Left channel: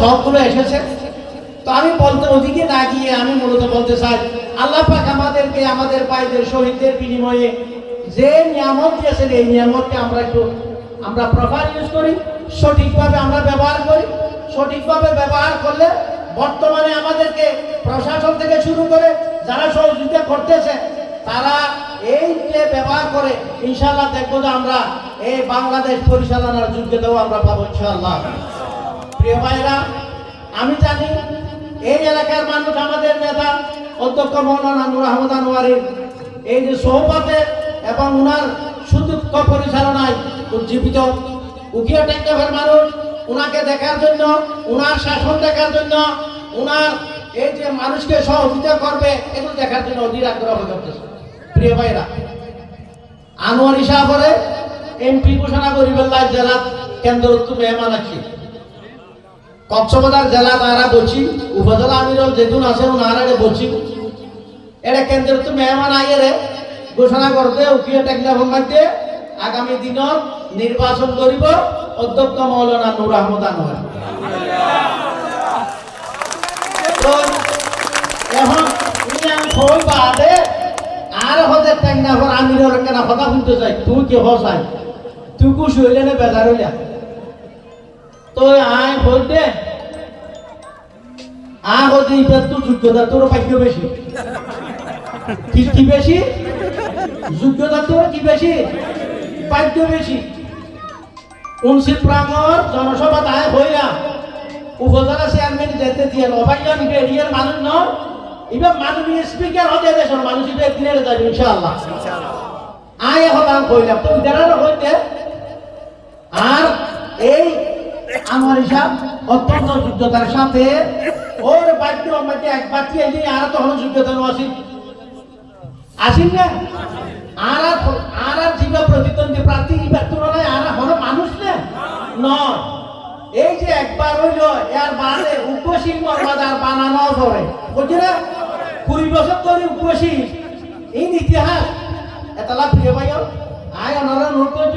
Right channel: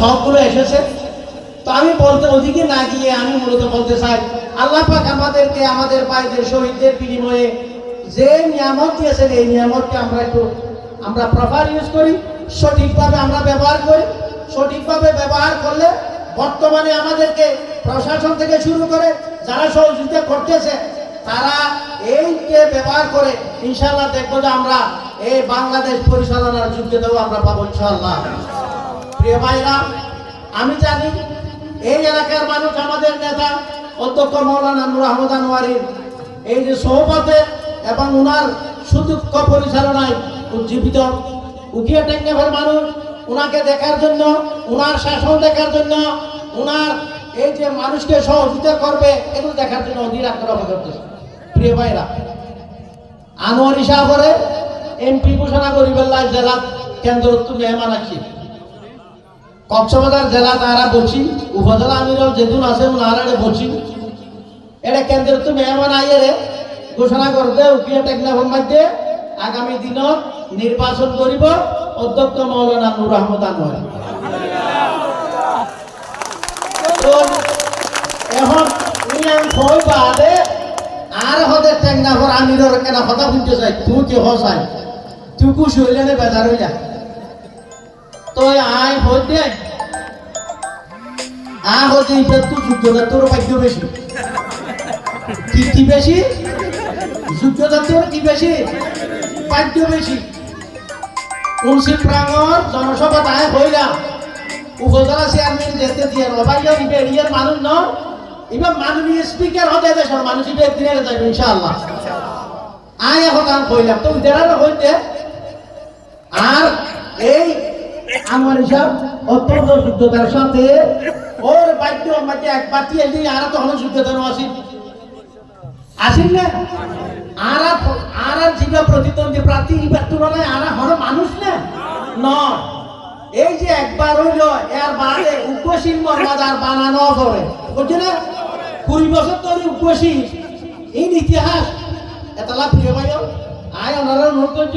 সবগুলো এসেছে। তো আমি বলতে ওদিকে না গিয়ে আমি মূলত বলতে চাই, আল্লাহ পাক আমাদেরকে, আমাদের ভাইদের শহীদদের বিনিময়ে যে নিয়ামত দিয়েছেন, এই নিয়ামতকে আমরা একটু, আমরা প্রপার ইউজ করি, সঠিকভাবে আমরা ব্যবহার করি। সঠিকভাবে ব্যবহার করলে বর্তমানে আমাদেরকে প্রশাসন থেকে শুরু করে যারা সহযোগিতা করতেছে, তারা এই যে ব্যবহার করে, ইনশাআল্লাহ দেখব যে আমরা এই বাংলাদেশ পরিচালনার যোগ্যতাও আমরা পাবো ইনশাআল্লাহ। প্রিয় ভাইরা, আমি জানি এই এলাকার মানুষ আমাদের নেতা, অধ্যক্ষ মৌলানা নুর আহমদ আনোয়ারির এই যে সহপথে এবং উনার সুদক্ষ পরিচালনায় উজ্জীবিত। উকিয়া টেকনাফের মানুষ, উনাকে দেখার জন্য, উনার শাসন দেখার জন্য, উনার এই যে মানুষকে সহযোগিতা করবে, এগুলো দেখার জন্য অধীর আগ্রহ করতেছে। প্রিয় ভাইরা, আনোয়ারি সাগরে এমপি ঘোষণা করিবেল্লা জেলা কেন্দ্র মেহমান আছি। কক্সবাজার জেলা তারা বলছি, উপজেলা আমিরল যেদিন আছে ওনারা বলছি। এটা কেন্দ্র তো মেহমান আইয়ে ঘোষণা করতে উকিয়া টেকনাফের মধ্যে আগামী দিনত নির্বাচন করিব, অধ্যক্ষ মৌলানা নুর আহমদ আনোয়ার। আর হতে টেকনাফর আমিরর কেনা কথা শুনতে চাই। তুমি কি হসাই তুই কুশ হইলে নে বেজার হইলা তো আয় ভোট দে আ হতে তুই যোগ্যতা তোর ভাগ্য বেশি কি কি বেশি যোগ্যতা তোর কি বেশি ভাগ্য বেশি উনসি প্রাঙ্গর জনসভা তাই হইলা উপজেলা চেয়ারম্যান যেতে দিয়ে। অবাক্য নিবে এরিয়ার মানুষ ন? এবার মাননীয় স্পিকার হতে দেশের মানুষ ইবে দিনের যাবে ইনশাআল্লাহ। আয় আমি কইলাম তো ইদারা হইতে আর এই আমার হিসাব অত্যন্ত যোগ্যতার সাথে ওর বাক্য আমাকে এক বাটি এলে আর তো তখন যোগ্যতা আসিন আসিন না? আর আর জিবা প্রতিদ্বন্দ্বী প্রার্থী ইবার তুলনায় আর হলো মানুষ না? নয় এই যে একবার হইল, এর বাদে উপসীম মর্যাদার বানানো করে বুঝছি না? কুড়ি বছর ধরে উপসী। এই ইতিহাস। এতলা প্রিয় ভাই আয় অনুরোধ করছ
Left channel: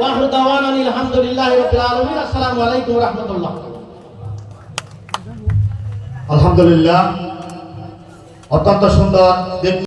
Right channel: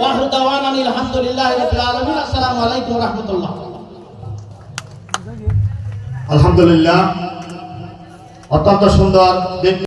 আখিরু দাওয়ানা আলহামদুলিল্লাহি রাব্বিল আলামিন। আসসালামু আলাইকুম ওয়া রাহমাতুল্লাহ। আলহামদুলিল্লাহ। অত্যন্ত সুন্দর